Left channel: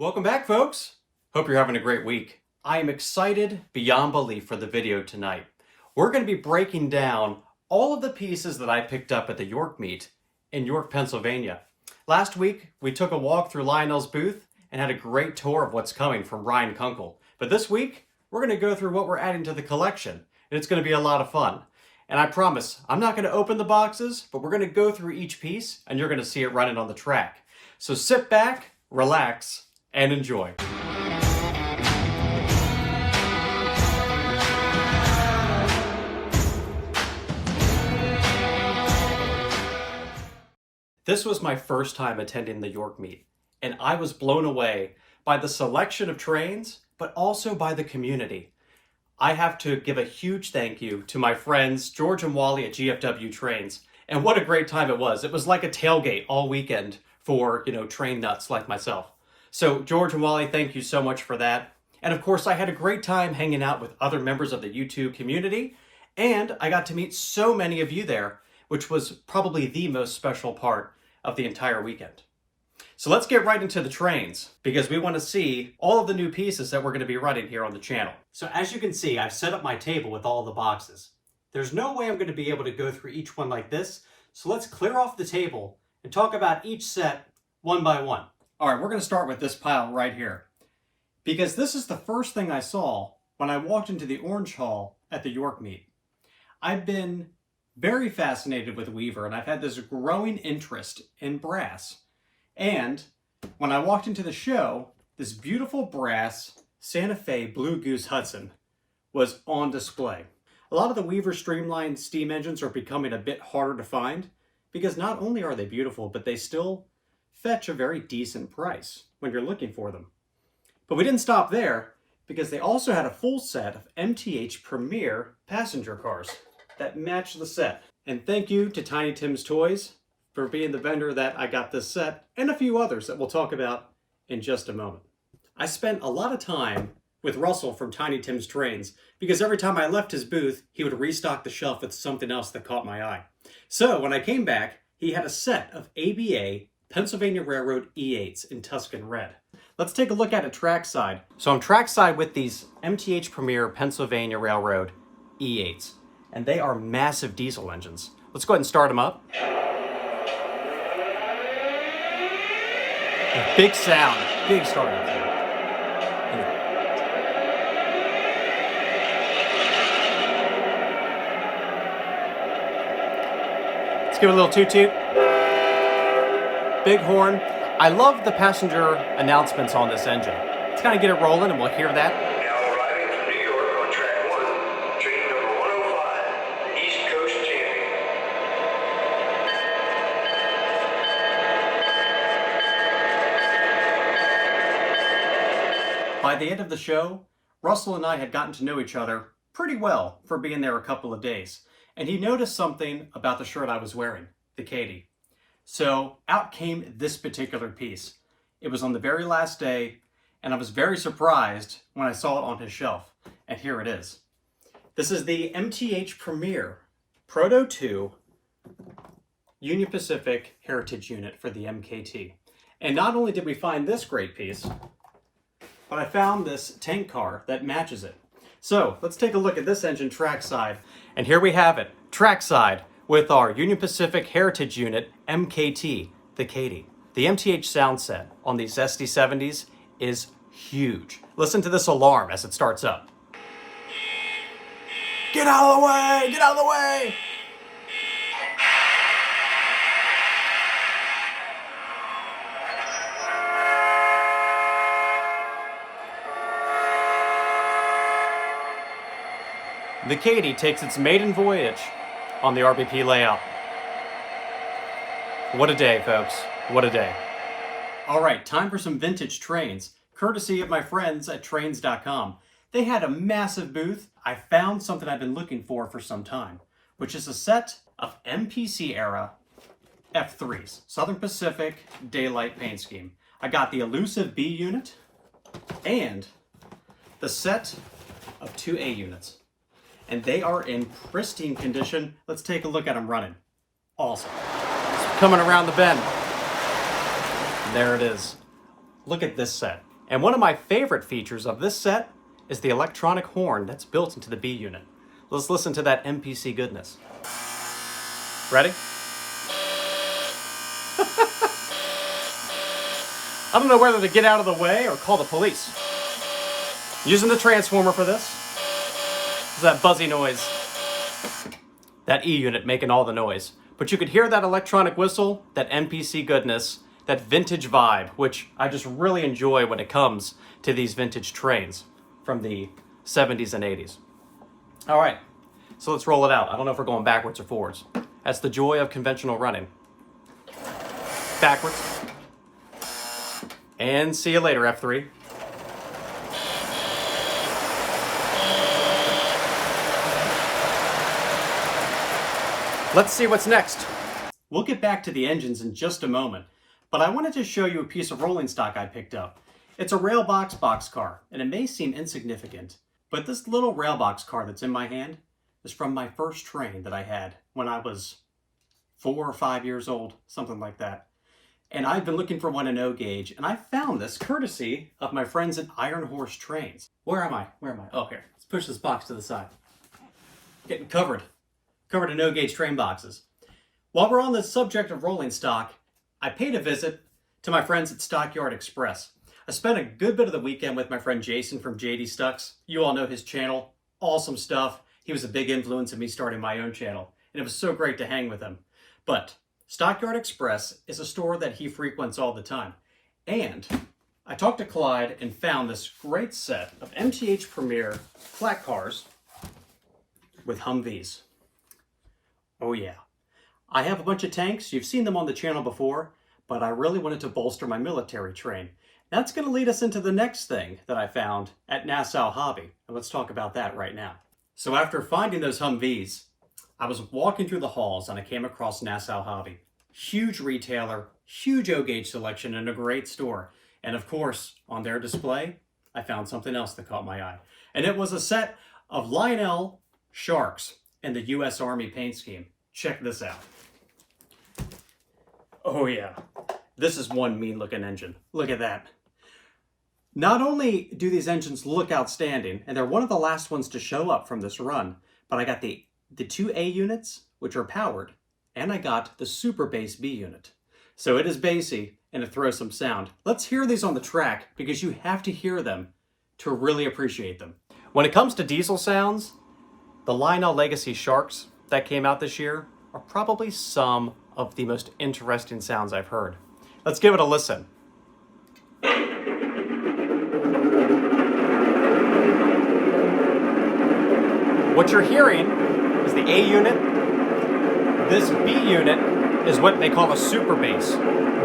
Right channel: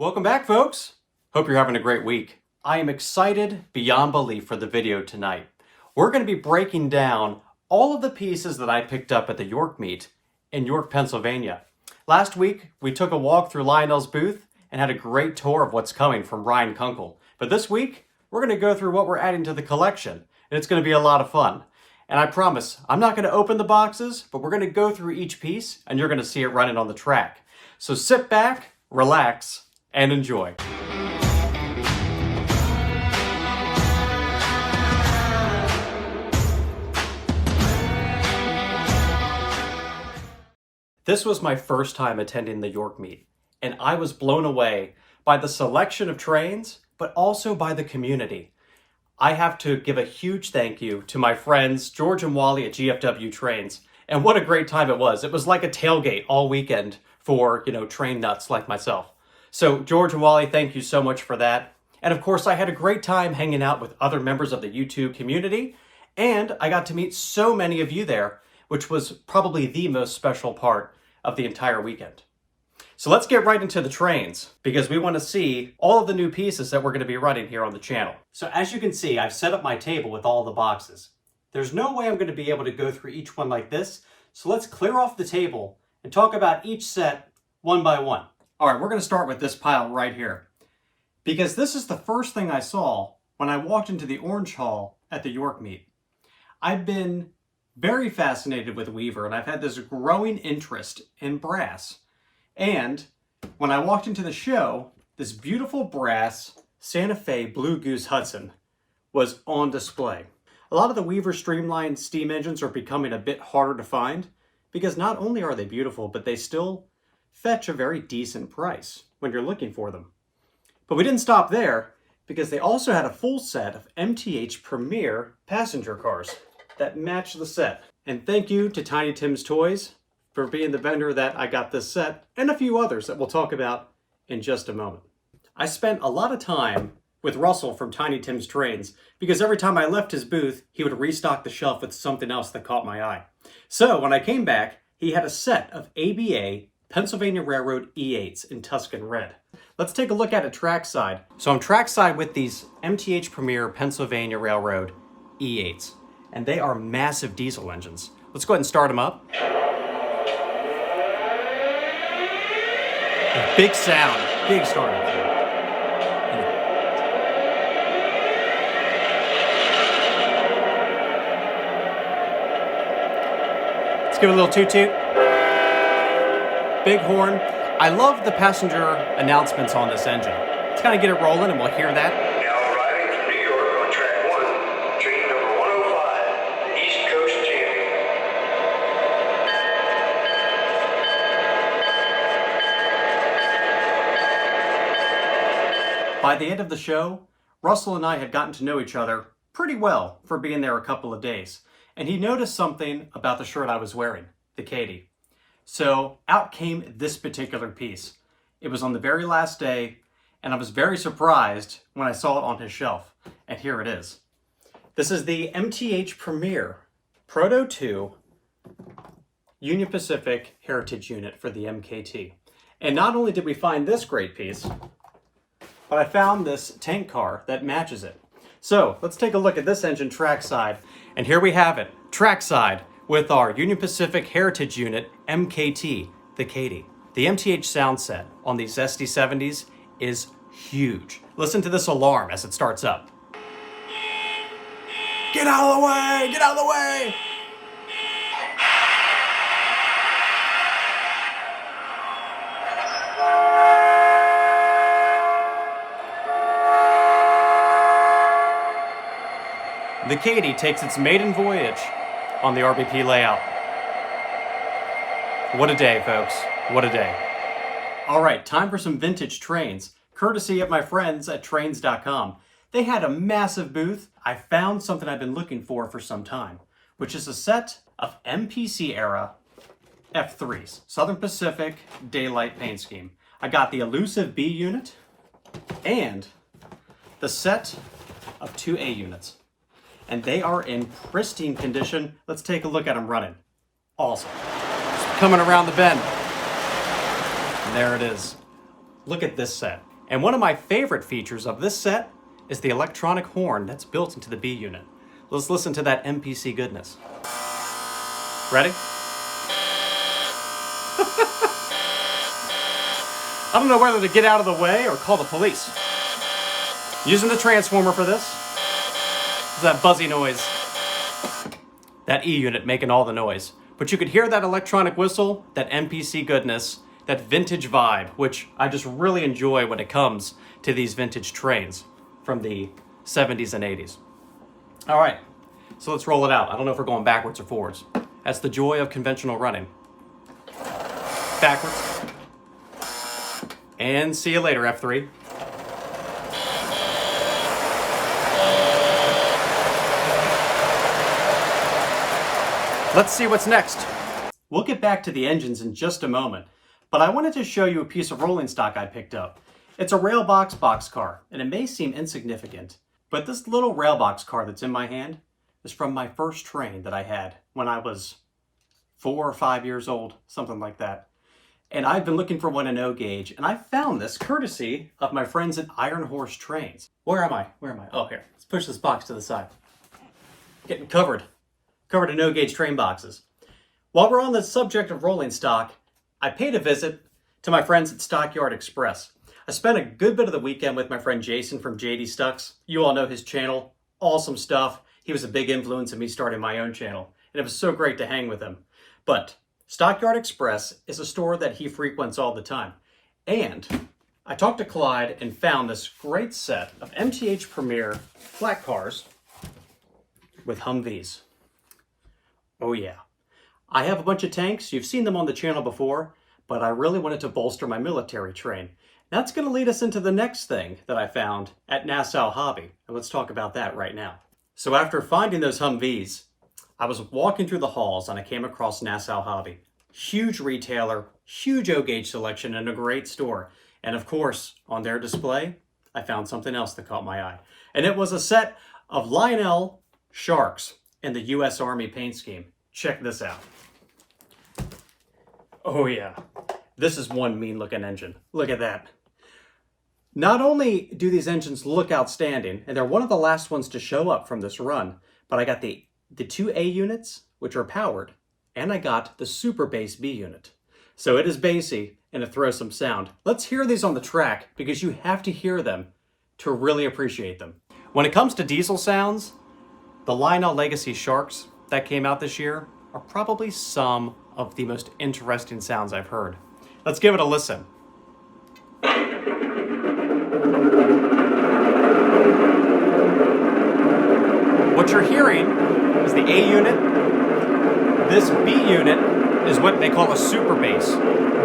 Welcome back, folks. Hope you're having a great week. I am excited beyond belief for the video tonight. We're going to be breaking down all of the pieces that I picked up at the York meet in York, Pennsylvania. Last week, we took a walk through Lionel's booth and had a great tour of what's coming from Ryan Kunkel. But this week, we're going to go through what we're adding to the collection, and it's going to be a lot of fun. And I promise, I'm not going to open the boxes, but we're going to go through each piece, and you're going to see it running on the track. So sit back, relax, and enjoy. This was my first time attending the York meet, and I was blown away by the selection of trains, but also by the community. I have to give a huge thank you to my friends George and Wally at GFW Trains, and what a great time it was. It was like a tailgate all weekend for, train nuts like myself. So George and Wally, thank you so much for that. And of course, I had a great time hanging out with other members of the YouTube community, and I got to meet so many of you there, which was probably the most special part of the entire weekend. So let's get right into the trains, because we want to see all of the new pieces that we're going to be running here on the channel. So as you can see, I've set up my table with all the boxes. There's no way I'm going to be able to go through each one like this, so let's clear off the table and talk about each set one by one. All right, we're going to start with this pile right here, because this is the first thing I saw when I walked into the Orange Hall at the York meet. I've been very fascinated with Weaver, and I've had this growing interest in brass. And when I walked into the show, this beautiful brass Santa Fe Blue Goose Hudson was on display. A lot of the Weaver streamlined steam engines are becoming a bit harder to find, because not only are they beautiful, but they still fetch a very decent price when you're looking for them. But we didn't stop there, because they also had a full set of MTH Premier passenger cars that match the set. And thank you to Tiny Tim's Toys for being the vendor that I got this set, and a few others that we'll talk about in just a moment. I spent a lot of time with Russell from Tiny Tim's Trains, because every time I left his booth, he would restock the shelf with something else that caught my eye. So when I came back, he had a set of ABA Pennsylvania Railroad E8s in Tuscan red. Let's take a look at it trackside. So I'm trackside with these MTH Premier Pennsylvania Railroad E8s, and they are massive diesel engines. Let's go ahead and start them up. A big sound, big starting point. Let's give it a little toot-toot. Big horn. I love the passenger announcements on this engine. Let's kind of get it rolling and we'll hear that. Now arriving from New York on track 1, train number 105, the East Coast Champion. By the end of the show, Russell and I had gotten to know each other pretty well for being there a couple of days, and he noticed something about the shirt I was wearing, the Katie. So out came this particular piece. It was on the very last day, and I was very surprised when I saw it on his shelf, and here it is. This is the MTH Premier Proto 2 Union Pacific Heritage Unit for the MKT. And not only did we find this great piece, but I found this tank car that matches it. So let's take a look at this engine trackside, and here we have it, trackside, with our Union Pacific Heritage Unit MKT, the Katie. The MTH sound set on these SD70s is huge. Listen to this alarm as it starts up. Get out of the way! Get out of the way! The Katie takes its maiden voyage on the RBP layout. What a day, folks. What a day. All right, time for some vintage trains, courtesy of my friends at trains.com. They had a massive booth. I found something I've been looking for some time, which is a set of MPC era F3s, Southern Pacific Daylight Paint Scheme. I got the elusive B unit and the set of 2A units. And they are in pristine condition. Let's take a look at them running. Awesome. It's coming around the bend. And there it is. Look at this set. And one of my favorite features of this set is the electronic horn that's built into the B unit. Let's listen to that MPC goodness. Ready? I don't know whether to get out of the way or call the police. Using the transformer for this. It's that buzzy noise. That E unit making all the noise. But you could hear that electronic whistle, that MPC goodness, that vintage vibe, which I just really enjoy when it comes to these vintage trains from the 70s and 80s. All right, so let's roll it out. I don't know if we're going backwards or forwards. That's the joy of conventional running. Backwards. And see you later, F3. Let's see what's next. We'll get back to the engines in just a moment, but I wanted to show you a piece of rolling stock I picked up. It's a Railbox boxcar, and it may seem insignificant, but this little Railbox car that's in my hand is from my first train that I had when I was 4 or 5 years old, something like that. And I've been looking for one in O gauge, and I found this courtesy of my friends at Iron Horse Trains. Where am I? Oh, here. Let's push this box to the side. Getting covered in O gauge train boxes. While we're on the subject of rolling stock, I paid a visit to my friends at Stockyard Express. I spent a good bit of the weekend with my friend Jason from JD Stucks. You all know his channel. Awesome stuff. He was a big influence in me starting my own channel, and it was so great to hang with him. But Stockyard Express is a store that he frequents all the time. And I talked to Clyde and found this great set of MTH Premier flat cars with Humvees. Oh yeah. I have a bunch of tanks. You've seen them on the channel before, but I really wanted to bolster my military train. That's going to lead us into the next thing that I found at Nassau Hobby. And let's talk about that right now. So after finding those Humvees, I was walking through the halls and I came across Nassau Hobby. Huge retailer, huge O-gauge selection, and a great store. And of course, on their display, I found something else that caught my eye. And it was a set of Lionel Sharks in the U.S. Army paint scheme. Check this out. Oh yeah, this is one mean looking engine. Look at that. Not only do these engines look outstanding, and they're one of the last ones to show up from this run, but I got the two A units, which are powered, and I got the Super Bass B unit. So it is bassy, and it throws some sound. Let's hear these on the track, because you have to hear them to really appreciate them. When it comes to diesel sounds, the Lionel Legacy Sharks that came out this year are probably some of the most interesting sounds I've heard. Let's give it a listen. What you're hearing is the A unit. This B unit is what they call a Super Bass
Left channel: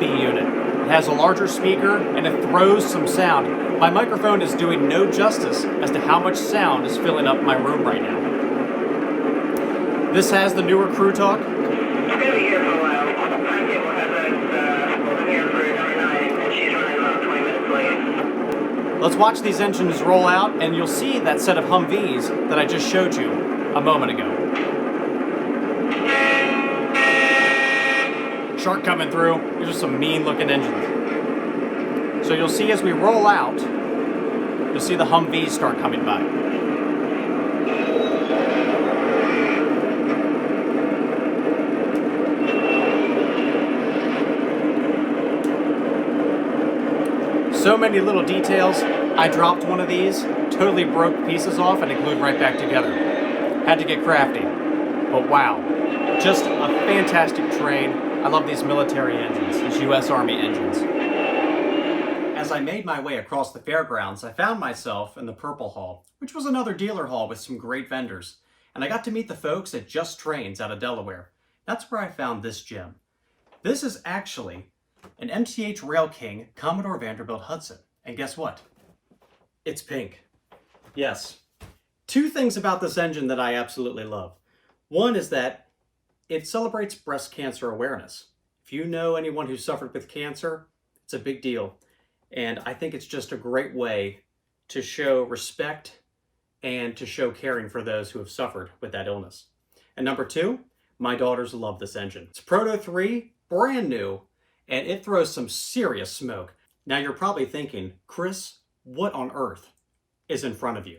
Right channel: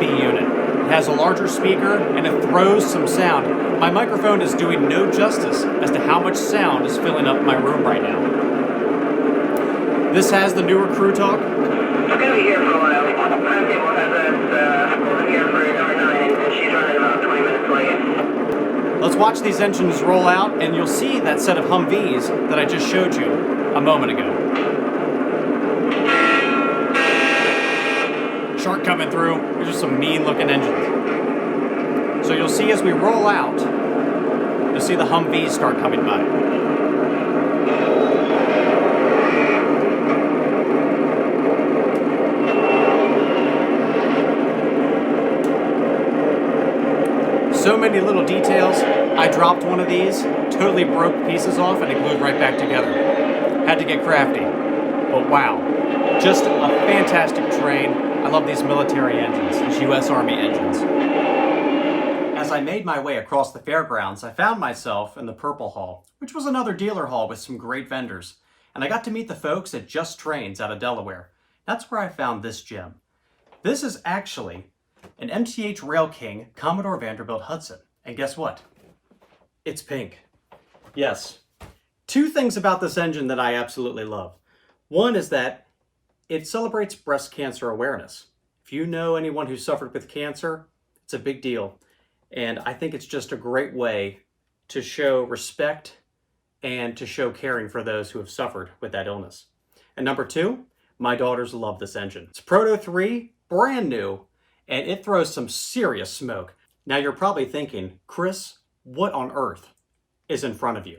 B unit. It has a larger speaker and it throws some sound. My microphone is doing no justice as to how much sound is filling up my room right now. This has the newer Crew Talk. It's going to be here for a while. Timetable has us here for number 9, and she's running about 20 minutes late. Let's watch these engines roll out, and you'll see that set of Humvees that I just showed you a moment ago. Shark coming through. These are some mean-looking engines. So you'll see as we roll out, you'll see the Humvees start coming by. So many little details. I dropped one of these, totally broke pieces off, and it glued right back together. Had to get crafty. But wow, just a fantastic train. I love these military engines, these U.S. Army engines. As I made my way across the fairgrounds, I found myself in the Purple Hall, which was another dealer hall with some great vendors. And I got to meet the folks at Just Trains out of Delaware. That's where I found this gem. This is actually an MTH Rail King Commodore Vanderbilt Hudson. And guess what? It's pink. Yes. Two things about this engine that I absolutely love. One is that it celebrates breast cancer awareness. If you know anyone who suffered with cancer, it's a big deal. And I think it's just a great way to show respect and to show caring for those who have suffered with that illness. And number two, my daughters love this engine. It's Proto 3, brand new, and it throws some serious smoke. Now you're probably thinking, Chris, what on earth is in front of you?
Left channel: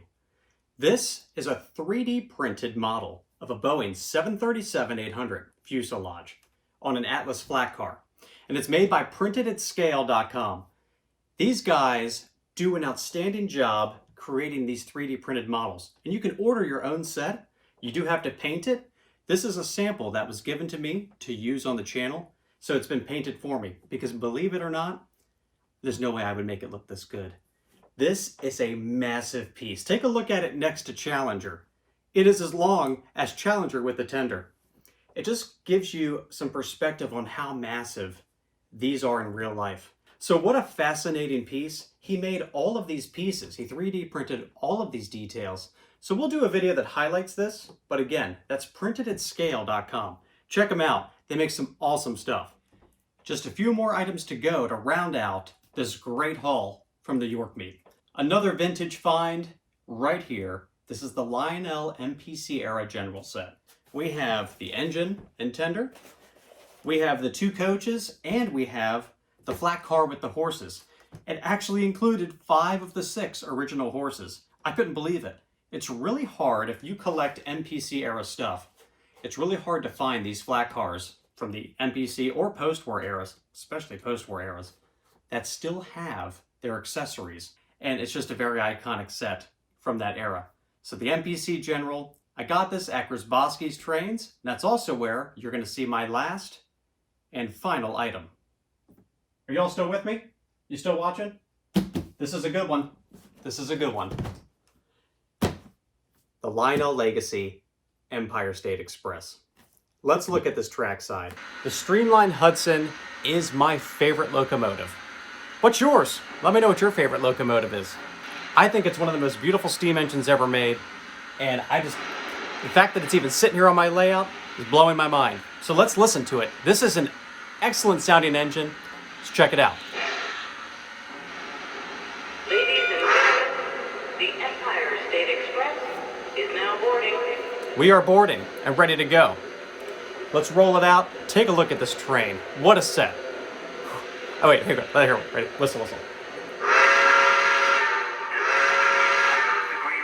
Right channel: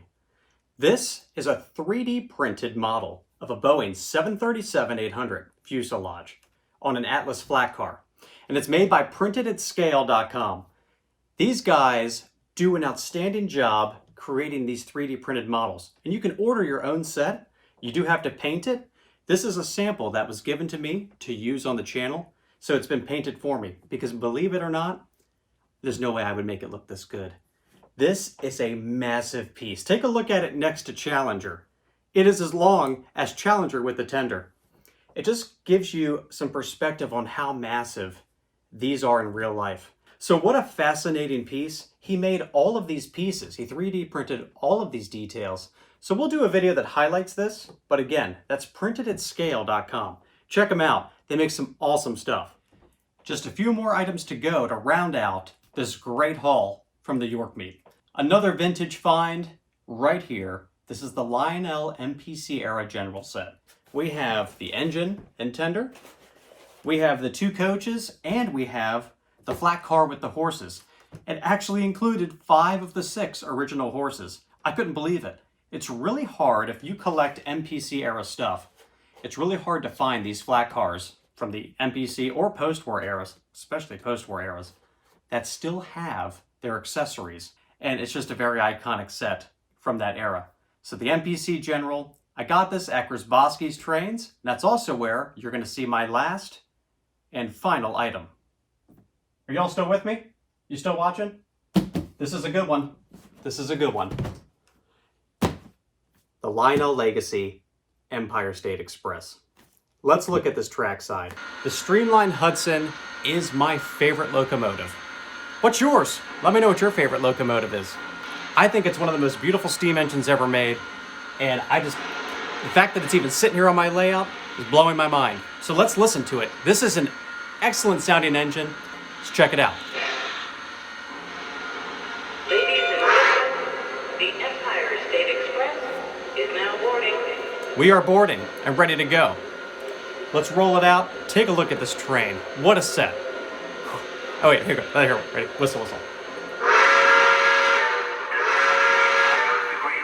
This is a 3D printed model of a Boeing 737-800 fuselage on an Atlas flat car. And it's made by PrintedAtScale.com. These guys do an outstanding job creating these 3D printed models. And you can order your own set. You do have to paint it. This is a sample that was given to me to use on the channel. So it's been painted for me because, believe it or not, there's no way I would make it look this good. This is a massive piece. Take a look at it next to Challenger. It is as long as Challenger with the tender. It just gives you some perspective on how massive these are in real life. So what a fascinating piece. He made all of these pieces. He 3D printed all of these details. So we'll do a video that highlights this, but again, that's PrintedAtScale.com. Check them out. They make some awesome stuff. Just a few more items to go to round out this great haul from the York meet. Another vintage find right here. This is the Lionel MPC era general set. We have the engine and tender, we have the 2 coaches, and we have the flat car with the horses. It actually included 5 of the 6 original horses. I couldn't believe it. It's really hard, if you collect MPC era stuff, it's really hard to find these flat cars from the MPC or post-war eras, especially post-war eras, that still have their accessories. And it's just a very iconic set from that era. So the MPC General, I got this at Grabowski's Trains. That's also where you're going to see my last and final item. Are y'all still with me? You still watching? This is a good one. This is a good one. The Lionel Legacy Empire State Express. Let's look at this trackside. The Streamline Hudson is my favorite locomotive. What's yours? Let me know what your favorite locomotive is. I think it's one of the most beautiful steam engines ever made, and the fact that it's even sitting here on my layout is blowing my mind. So let's listen to it. This is an excellent sounding engine. Let's check it out. Ladies and gentlemen, the Empire State Express is now boarding. We are boarding and ready to go. Let's roll it out. Take a look at this train. What a set. Oh wait, here we go. Here, ready? Whistle, whistle. Green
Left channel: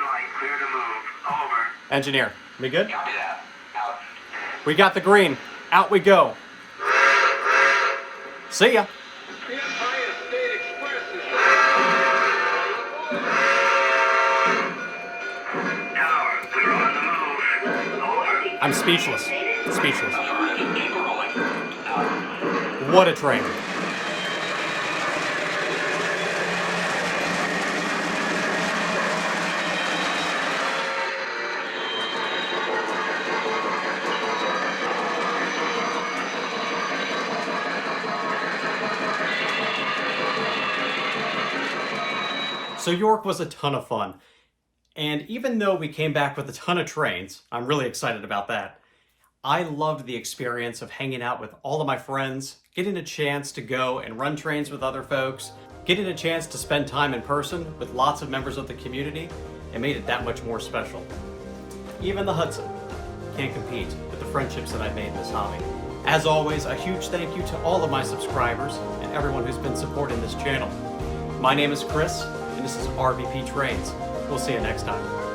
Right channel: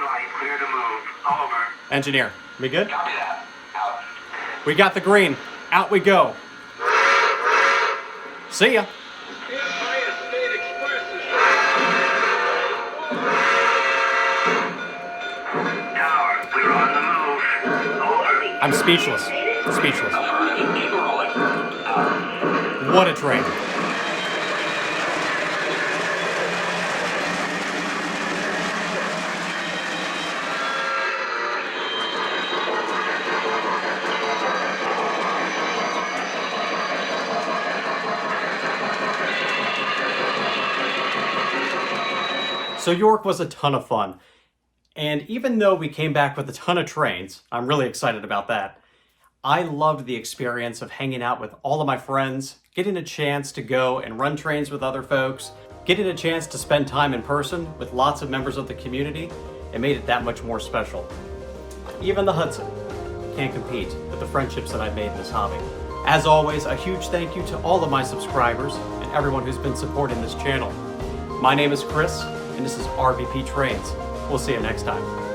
light, clear to move. Over. Engineer, we good? Copy that. Out. We got the green. Out we go. See ya. The Empire State Express is Tower, we're on the move. Over. I'm speechless. Speechless. What a train. So York was a ton of fun. And even though we came back with a ton of trains, I'm really excited about that. I loved the experience of hanging out with all of my friends, getting a chance to go and run trains with other folks, getting a chance to spend time in person with lots of members of the community. It made it that much more special. Even the Hudson can't compete with the friendships that I've made in this hobby. As always, a huge thank you to all of my subscribers and everyone who's been supporting this channel. My name is Chris, and this is RVP Trains. We'll see you next time.